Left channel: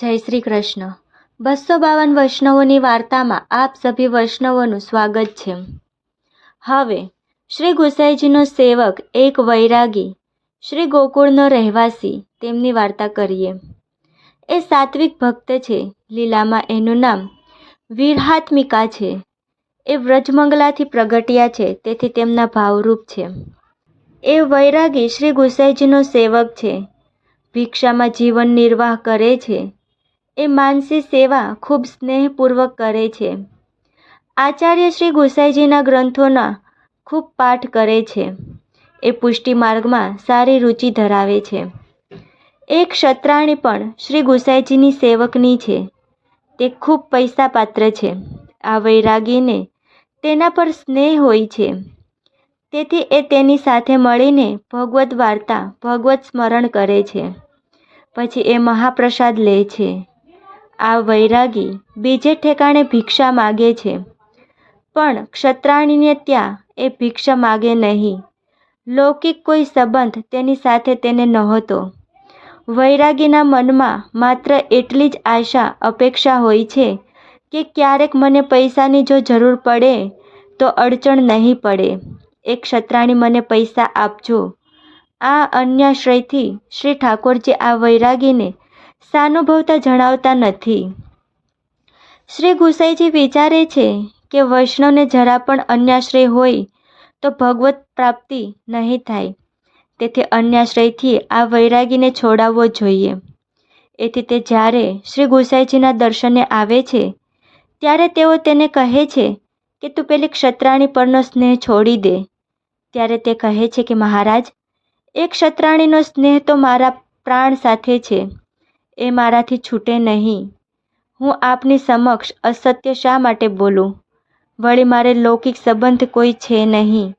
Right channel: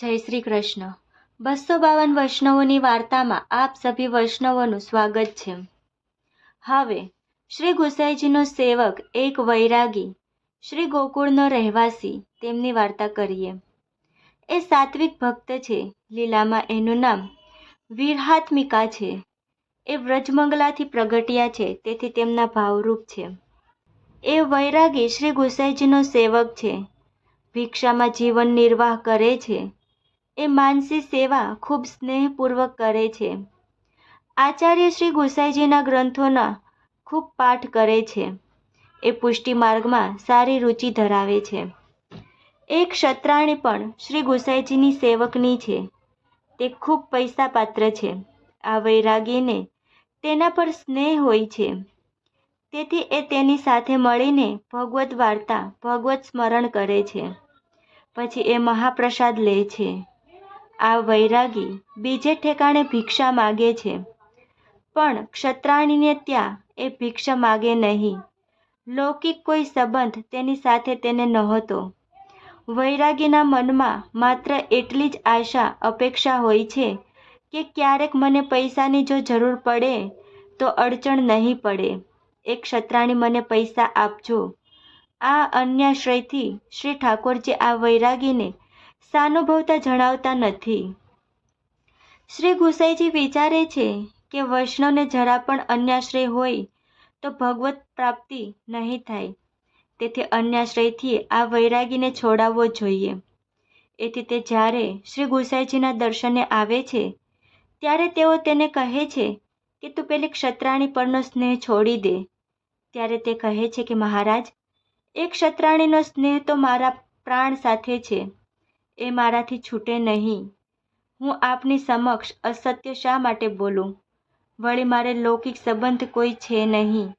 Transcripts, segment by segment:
જય શ્રી કૃષ્ણ. બસો બાવન વૈષ્ણવોની વાર્તામાં આપ સભી વૈષ્ણવોનું સ્વાગત છે. હવે, શ્રી ગુસાઈજીનો સેવક એક વૈરાગી, શ્રી ગોકુળનો રહેવાસી, તેમની વાર્તા કરીએ. એ સાત્વિક ભક્ત છે, લીલામાં એનું નામ વીરહાત્મિકા છે. એ વ્રજમંગલાથી પ્રગટ્યા છે, તેથી તેમના ભાવરૂપ છે. એ વૈરાગી શ્રી ગુસાઈજીનો સેવક છે. ભિક્ષામાં જીવન નિર્વાહ કરે છે. એ માનસી સેવા ખૂબ સ્નેહપૂર્વક કરે છે. આચાર્ય શ્રી ગુસાઈજીના ગ્રંથોના ખૂબ પાઠ કરે છે. એ પુષ્ટિ માર્ગમાં સારી રુચિ ધરાવે છે. એક ક્ષત્રાણી પણ શ્રી ગુસાઈજીની સેવકની છે. તે ખૂબ પૈસા પાત્ર છે. આ વૈરાગીને તેના પર સ્નેહ હોય છે. તેથી એ તેની સાથે મળીને ભગવદ્ વાર્તા, ભગવત સ્મરણ કરે છે. પછી એ મહાપ્રસાદ લે છે. આ વૈરાગી બીજે ઠેકાણે ભિક્ષા માગે છે. પણ ક્ષત્રાણીને ત્યાં એ ભિક્ષા માગે નહીં. લૌકિક કોઈ સંબંધ તેની સાથે તેને નહોતો. વૈરાગીના મનમાં માત્ર એટલી જ આશા અપેક્ષા હોય છે કે ક્યારેક મને પૈસાની જો જરૂર પડે, તો અડચણ નહીં પડે. એ ક્ષત્રાણી મને પૈસા આપજો. આ અન્યાશ્રયથી શ્રી ઠાકોરજી આ વૈરાગીને સાનુભવતા જણાવતા નથી. શ્રી ગુસાઈજી વિચારે છે કે વૈષ્ણવને જરા પણ અન્યાશ્રય હોય તો ભગવત પ્રાપ્તિ નહીં થાય. તેથી અન્યાશ્રયથી આ વૈરાગીને છોડાવવો જોઈએ. એથી તે જ્યારે શ્રી ગુસાઈજીના દર્શને આવે છે, ત્યારે તેઓ તેને કહે છે કે તું પેલી ક્ષત્રાણી પરનો સ્નેહ છોડી દે. ત્યારે તે કહે છે કે મહારાજ, એ ક્ષત્રાણીનો સ્નેહ તો મારા પ્રાણ સાથે છે. એ મારાથી છૂટે નહીં. હું આપની સમક્ષ અસત્ય શા માટે બોલું? વળી મારે લૌકિક સંબંધ કોઈ છે નહીં.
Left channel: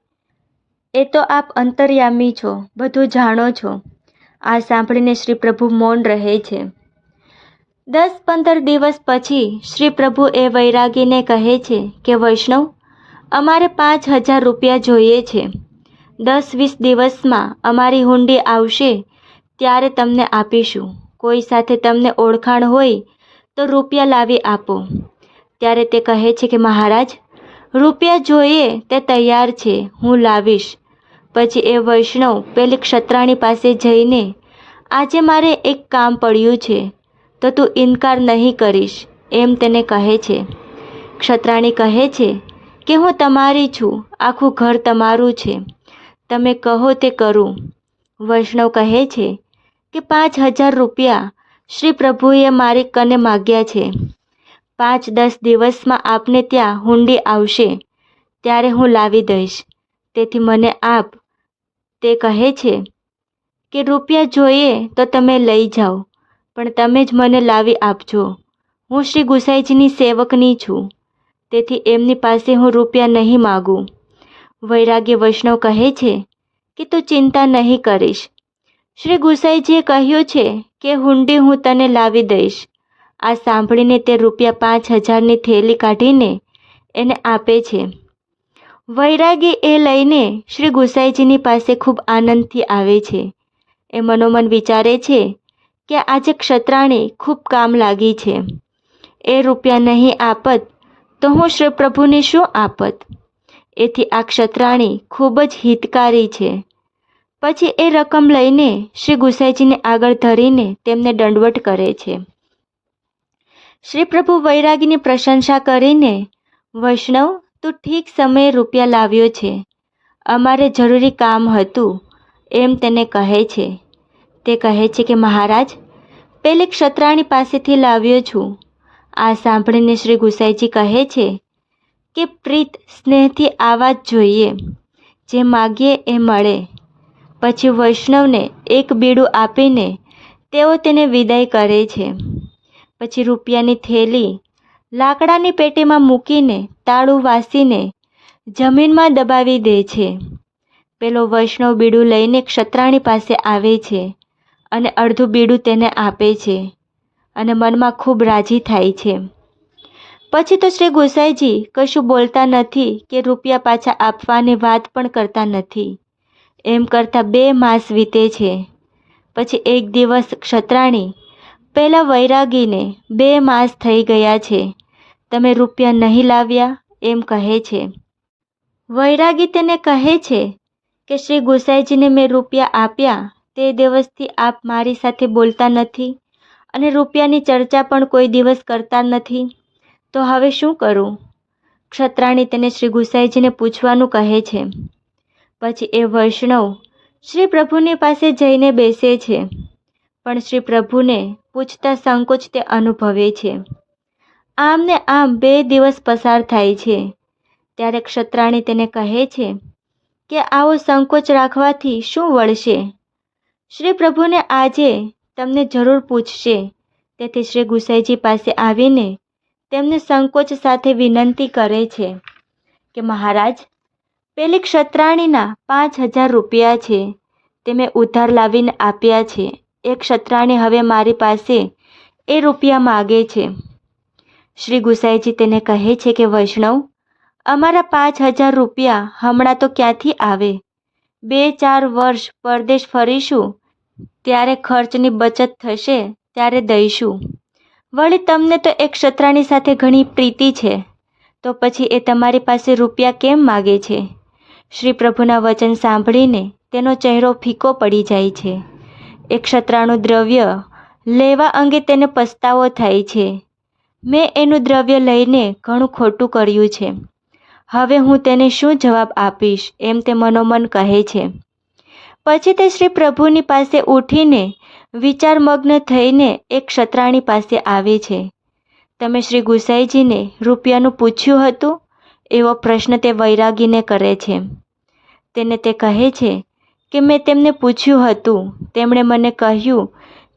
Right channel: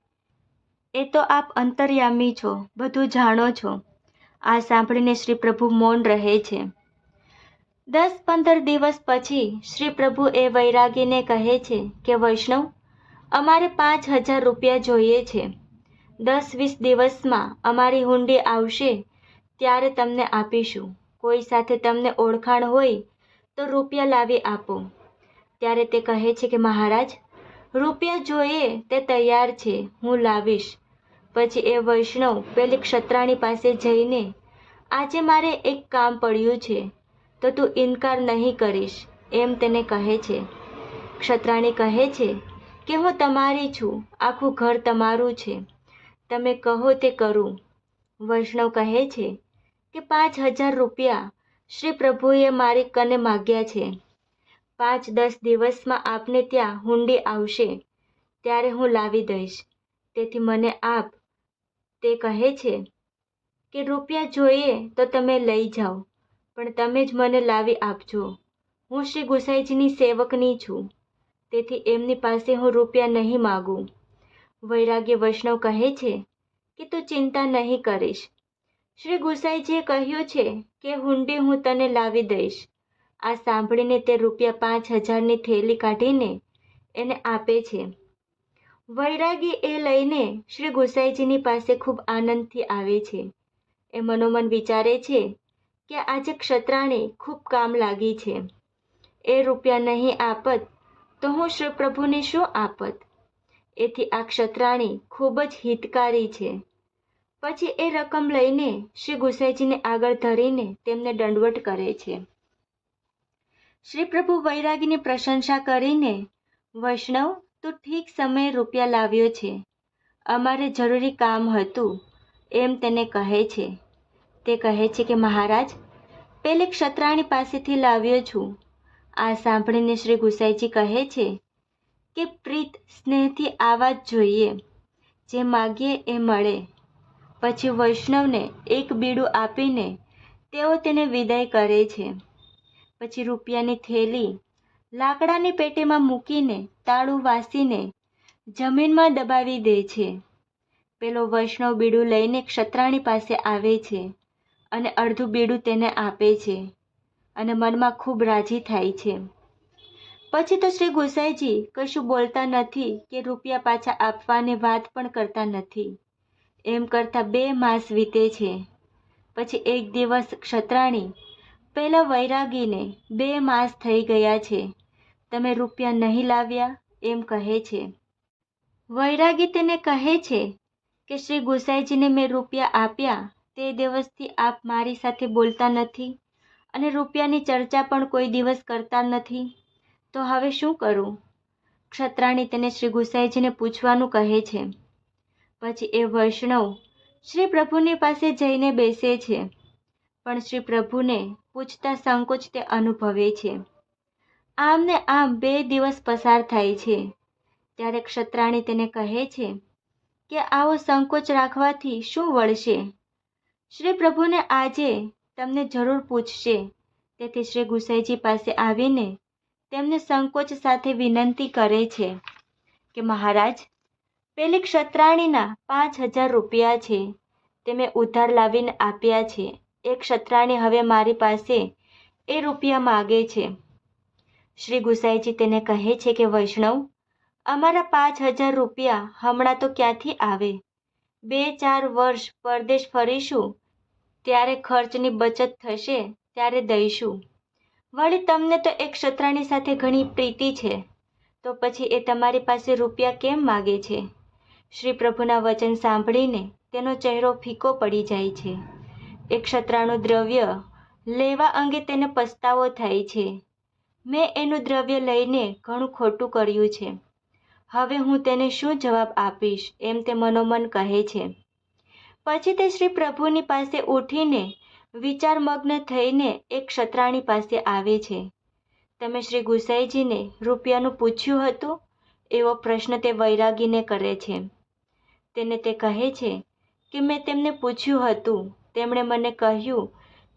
એ તો આપ અંતર્યામી છો, બધું જાણો છો. આ સાંભળીને શ્રી પ્રભુ મૌન રહે છે. દસ પંદર દિવસ પછી શ્રી પ્રભુ એ વૈરાગીને કહે છે કે, વૈષ્ણવ, અમારે પાંચ હજાર રૂપિયા જોઈએ છે. દસ વીસ દિવસમાં અમારી હુંડી આવશે ત્યારે તમને આપીશું. કોઈ સાથે તમને ઓળખાણ હોય, તો રૂપિયા લાવી આપો. ત્યારે તે કહે છે કે, મહારાજ, રૂપિયા જોઈએ તે તૈયાર છે, હું લાવીશ. પછી એ વૈષ્ણવ પેલી ક્ષત્રાણી પાસે જઈને, આજે મારે એક કામ પડ્યું છે, તો તું ઇનકાર નહીં કરીશ. એમ તેને કહે છે. ક્ષત્રાણી કહે છે કે, હું તમારી છું, આખું ઘર તમારું છે, તમે કહો તે કરું. વૈષ્ણવ કહે છે કે પાંચ હજાર રૂપિયા શ્રી પ્રભુએ મારી કને માગ્યા છે. પાંચ દસ દિવસમાં આપને ત્યાં હુંડી આવશે, ત્યારે હું લાવી દઈશ. તેથી મને આપ તે કહે છે કે રૂપિયા જોઈએ તો તમે લઈ જાઓ, પણ તમે જ મને લાવી આપજો. હું શ્રી ગુસાઈજીની સેવકની છું, તેથી એમની પાસે હું રૂપિયા નહીં માગું. વૈરાગ્ય વૈષ્ણવ કહે છે કે તું ચિંતા નહીં કરીશ શ્રી ગુસાઈજીએ કહ્યું છે કે, હુંડી હું તને લાવી દઈશ. આ સાંભળીને તે રૂપિયા પાંચ હજારની થેલી કાઢીને એને આપે છે. વૈરાગી એ લઈને શ્રી ગુસાઈજીની પાસે ખૂબ આનંદથી આવે છે. એ મનોમન વિચારે છે કે, આજે ક્ષત્રાણી ખૂબ કામ લાગી છે. એ રૂપિયા નહીં આપત તો હું શ્રી પ્રભુને શું આપત? એથી આ ક્ષત્રાણી ખૂબ જ હિતકારી છે. પછી એ રકમ લઈને શ્રી ગુસાઈજીને આગળ ધરીને તેમને દંડવટ કરે છે. શ્રી પ્રભુ વૈરાગીની પ્રશંસા કરીને, વૈષ્ણવ, તું ઠીક સમયે રૂપિયા લાવ્યો છે. અમારે જરૂરી કામ હતું, એમ તેને કહે છે. તે કહે છે કે, મહારાજ, પેલી ક્ષત્રાણી પાસેથી લાવ્યો છું. આ સાંભળીને શ્રી ગુસાઈજી કહે છે કે, પ્રીત, સ્નેહથી આવા જ જોઈએ. જે માગીએ એ મળે. પછી વૈષ્ણવને એક બીડું આપીને તેઓ તેને વિદાય કરે છે. પછી રૂપિયાની થેલી લાકડાની પેટીમાં મૂકીને તાળું વાસીને જમીનમાં દબાવી દે છે. પેલો વૈષ્ણવ બીડું લઈને ક્ષત્રાણી પાસે આવે છે અને અડધું બીડું તેને આપે છે અને મનમાં ખૂબ રાજી થાય છે. પછી તો શ્રી ગુસાઈજી કશું બોલતા નથી કે રૂપિયા પાછા આપવાની વાત પણ કરતા નથી. એમ કરતાં બે માસ વીતે છે. પછી એક દિવસ ક્ષત્રાણી, પહેલાં વૈરાગીને બે માસ થઈ ગયા છે. તમે રૂપિયા નહીં લાવ્યા, એમ કહે છે. વૈરાગી તેને કહે છે કે, શ્રી ગુસાઈજીને મેં રૂપિયા આપ્યા, તે દિવસથી આપ મારી સાથે બોલતા નથી અને રૂપિયાની ચર્ચા પણ કોઈ દિવસ કરતા નથી. તો હવે શું કરું? ક્ષત્રાણી તેને શ્રી ગુસાઈજીને પૂછવાનું કહે છે. પછી એ વૈષ્ણવ શ્રી પ્રભુની પાસે જઈને બેસે છે. પણ શ્રી પ્રભુને પૂછતા સંકોચ તે અનુભવે છે. આમ ને આમ બે દિવસ પસાર થાય છે. ત્યારે ક્ષત્રાણી તેને કહે છે કે આવો સંકોચ રાખવાથી શું વળશે? શ્રી પ્રભુને આજે તમને જરૂર પૂછશે. તેથી શ્રી ગુસાઈજી પાસે આવીને તેમને સંકોચ સાથે વિનંતી કરે છે કે મહારાજ પેલી ક્ષત્રાણીના પાંચ હજાર રૂપિયા છે. તે મેં ઉધાર લાવીને આપ્યા છે. એ ક્ષત્રાણી હવે મારી પાસે એ રૂપિયા માગે છે. શ્રી ગુસાઈજી તેને કહે છે કે, વૈષ્ણવ, અમારા પાંચ હજાર રૂપિયા હમણાં તો ક્યાંથી આવે? બે ચાર વર્ષ પરદેશ ફરીશું, ત્યારે ખર્ચની બચત થશે, ત્યારે દઈશું. વળી તમને તો એક ક્ષત્રાણી સાથે ઘણી પ્રીતિ છે. તો પછી એ તમારી પાસે રૂપિયા કેમ માગે છે? શ્રી પ્રભુના વચન સાંભળીને તેનો ચહેરો ફીકો પડી જાય છે. એ ક્ષત્રાણું દ્રવ્ય લેવા અંગે તેને પસ્તાવો થાય છે. મેં એનું દ્રવ્ય લઈને ઘણું ખોટું કર્યું છે. હવે હું તેને શું જવાબ આપીશ એમ તે મનોમન કહે છે. પછી તે શ્રી પ્રભુની પાસે ઉઠીને વિચારમગ્ન થઈને એક ક્ષત્રાણી પાસે આવે છે. તમે શ્રી ગુસાઈજીને રૂપિયાનું પૂછ્યું હતું? એવો પ્રશ્ન તે વૈરાગીને કરે છે. તેને તે કહે છે કે મેં તેમને પૂછ્યું હતું. તેમણે મને કહ્યું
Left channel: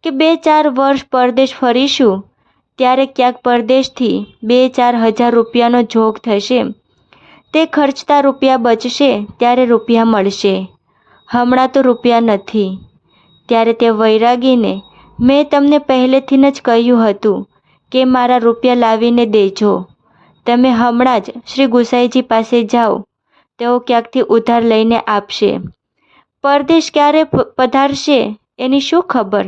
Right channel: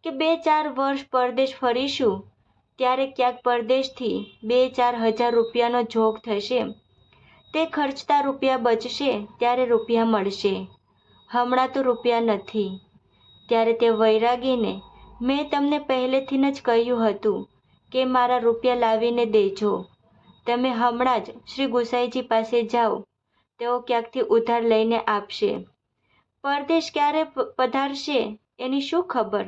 કે બે ચાર વર્ષ પરદેશ ફરીશું. ત્યારે ક્યાંક પરદેશથી બે ચાર હજાર રૂપિયાનો જોગ થશે. તે ખર્ચતા રૂપિયા બચશે, ત્યારે રૂપિયા મળશે. હમણાં તો રૂપિયા નથી. ત્યારે તે વૈરાગીને મેં તમને પહેલેથી જ કહ્યું હતું કે મારા રૂપિયા લાવીને દેજો. તમે હમણાં જ શ્રી ગુસાઈજી પાસે જાઓ. તેઓ ક્યાંકથી ઉધાર લઈને આપશે? પરદેશ ક્યારે પધારશે? એની શું ખબર?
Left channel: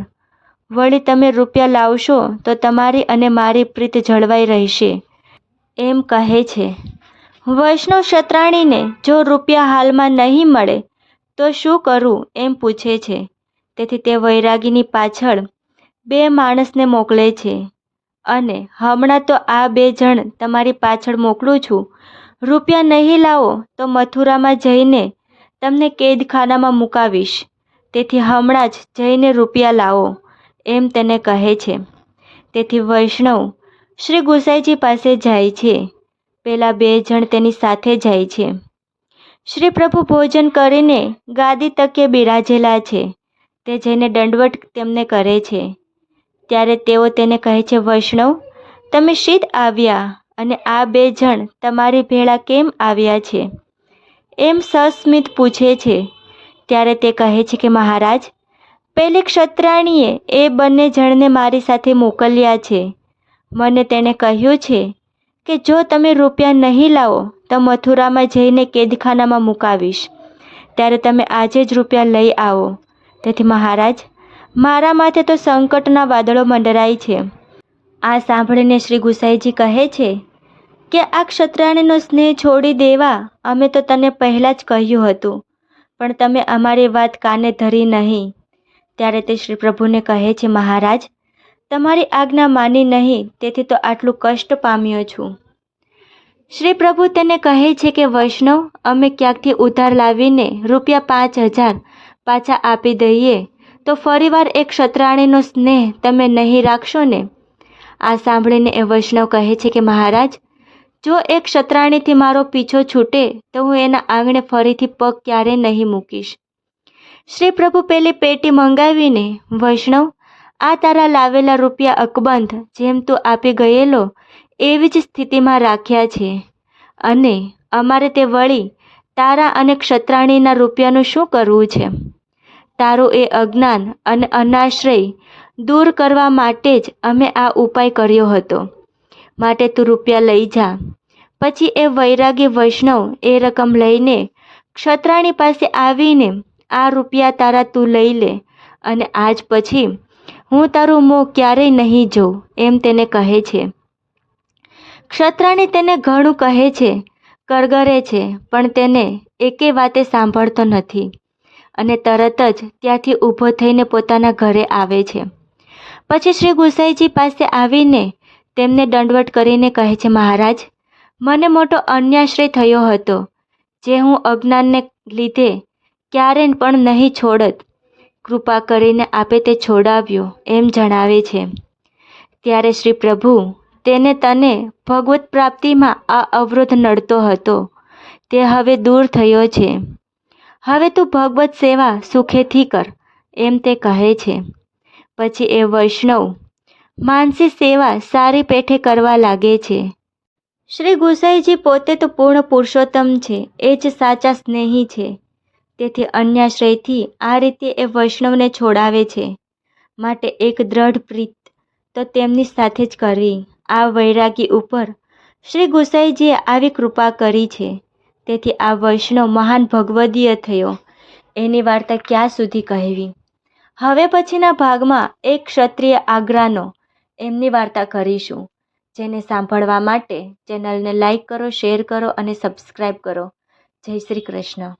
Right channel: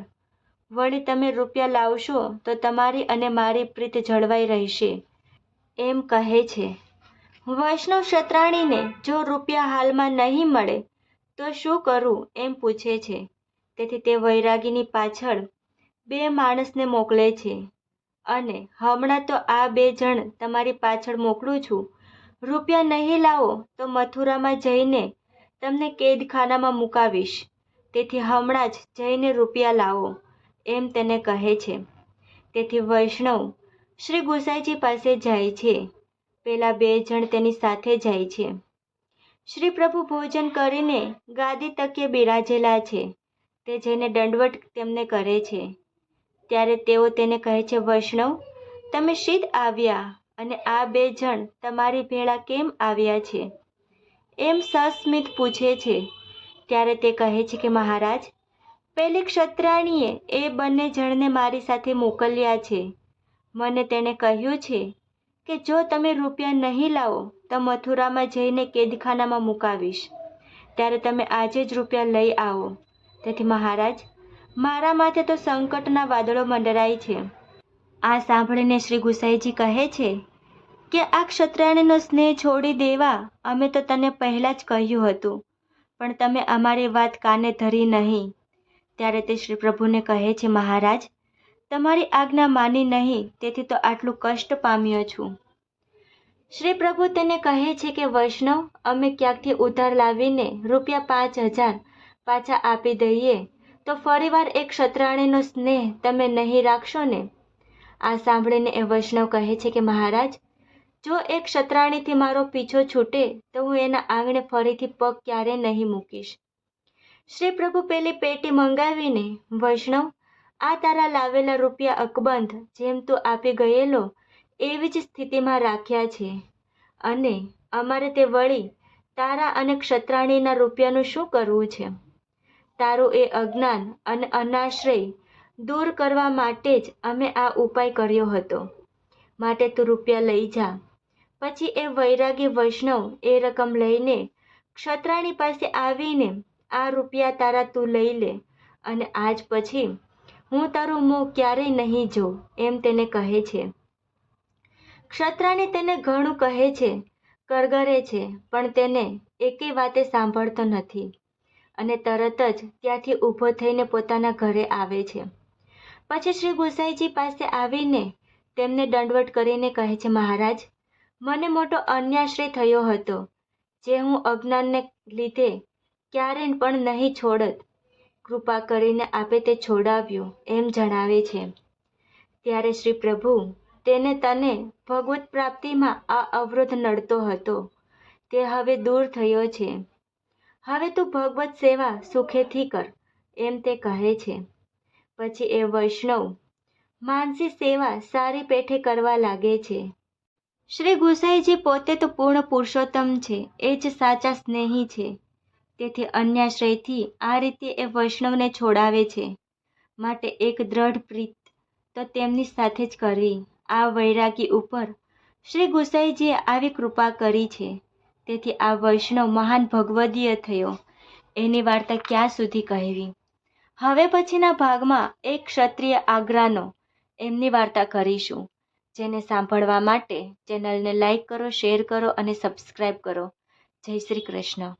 વળી તમે રૂપિયા લાવશો તો તમારી અને મારી પ્રીત જળવાઈ રહેશે. એમ કહે છે. વૈષ્ણવ ક્ષત્રાણીને જો રૂપિયા હાલમાં નહીં મળે, તો શું કરું? એમ પૂછે છે. તેથી તે વૈરાગીની પાછળ બે માણસને મોકલે છે. અને હમણાં તો આ બે જણ તમારી પાછળ મોકલું છું. રૂપિયા નહીં લાવો તો મથુરામાં જઈને તમને કેદખાનામાં મુકાવીશ. તેથી હમણાં જ જઈને રૂપિયા લાવો, એમ તેને કહે છે. તેથી વૈષ્ણવ શ્રી ગુસાઈજી પાસે જાય છે. પેલા બે જણ તેની સાથે જાય છે. શ્રી પ્રભુ ભોજન કરીને ગાદી તકે બિરાજેલા છે. તે જઈને દંડવટ તેમને કરે છે. ત્યારે તેઓ તેને કહે છે, વૈષ્ણવ, તમે શીત આવ્યા. અને આ બે જણ તમારી ભેળા કેમ આવ્યા છે? એમ સસ્મિત પૂછે છે. ત્યારે તે કહે છે કે, મહારાજ, પેલી ક્ષત્રાણીએ એ બંને જણને મારી સાથે મોકલ્યા છે. મને તેણે કહ્યું છે કે, જો તમે રૂપિયા નહીં લાવો, તો મથુરામાં જઈને કેદખાનામાં મુકાવીશ. ત્યારે તમે આજે જ રૂપિયા લઈ આવો. તેથી, મહારાજ, મારા માથે તો સંકટના વાદળો મંડરાય છે. આ સાંભળીને શ્રી ગુસાઈજી કહે છે કે આ ક્ષત્રાણીનો સ્નેહ છોડી દેવા? અમે તો તને પહેલાં જ કહ્યું હતું. પણ તમે અમારી વાત કાને ધરી નહીં? ત્યારે તે શ્રી પ્રભુને કહે છે, મહારાજ, તમારી આજ્ઞા માની નહીં, તેથી તો આટલું કષ્ટ પામ્યો છું. શ્રી પ્રભુ તેને કહે છે કે, વૈષ્ણવ, અમે ક્યાંકથી ઉધાર લાવીને રૂપિયા પાંચ હજાર પાછા આપી દઈએ, તો ફરીવાર એક ક્ષત્રાણીનો સ્નેહ તમે નહીં રાખશો ને? આ સાંભળીને એ વૈષ્ણવ કહે છે કે, મહારાજ જો એ ક્ષત્રાણીથી મારો પીછો છૂટે, તો હું એના આંગણે ફરીથી પગ ક્યારે નહીં મૂકીશ? શ્રી પ્રભુ પેલી પેટી મંગાવીને, વૈષ્ણવ, આ તારા લાવેલા રૂપિયા અકબંધ જેમ તું આપી ગયેલો, એવી જ સ્થિતિમાં રાખ્યા છે. અને અમારે તે વળી તારા અને ક્ષત્રાણીના રૂપિયાનું શું કરવું છે? તારું એ અજ્ઞાન અને અનાશ્રય દૂર કરવા માટે જ અમે આ ઉપાય કર્યો હતો. માટે તું રૂપિયા લઈ જા. પછી એ વૈરાગી વૈષ્ણવ એ રકમ લઈને ક્ષત્રાણી પાસે આવીને આ રૂપિયા તારા તું લઈ લે અને આજ પછી હું તારું મોં ક્યારેય નહીં જોઉં, એમ તેને કહે છે. ક્ષત્રાણી તેને ઘણું કહે છે, કરગરે છે, પણ તેને એકે વાતે સાંભળતો નથી અને તરત જ ત્યાંથી ઊભો થઈને પોતાના ઘરે આવે છે. પછી શ્રી ગુસાઈજી પાસે આવીને તેમને દંડવટ કરીને કહે છે, મહારાજ, મને મોટો અન્યાશ્રય થયો હતો, જે હું અજ્ઞાનને લીધે ક્યારે પણ નહીં છોડત. કૃપા કરીને આપે તે છોડાવ્યો, એમ જણાવે છે. ત્યારે શ્રી પ્રભુ તેને તને ભગવત પ્રાપ્તિમાં આ અવરોધ નડતો હતો. તે હવે દૂર થયો છે. હવે તું ભગવત સેવા સુખેથી કર, એમ તે કહે છે. પછી એ વૈષ્ણવ માનસી સેવા સારી પેઠે કરવા લાગે છે. શ્રી ગુસાઈજી પોતે તો પૂર્ણ પુરુષોત્તમ છે, એ જ સાચા સ્નેહી છે. તેથી અન્યાશ્રયથી આ રીતે એ વૈષ્ણવને છોડાવે છે. માટે એક દ્રઢ પ્રીત તો તેમની સાથે જ કરવી. આ વૈરાગી ઉપર શ્રી ગુસાઈજીએ આવી કૃપા કરી છે. તેથી આ વૈષ્ણવ મહાન ભગવદીય થયો. એની વાર્તા ક્યાં સુધી કહેવી? હવે પછીના ભાગમાં એક ક્ષત્રિય આગ્રાનો એમની વાર્તા કરીશું. જેને સાંભળવા માટે ચેનલને લાઈક કરો, શેર કરો અને સબસ્ક્રાઈબ કરો. જય શ્રી કૃષ્ણ.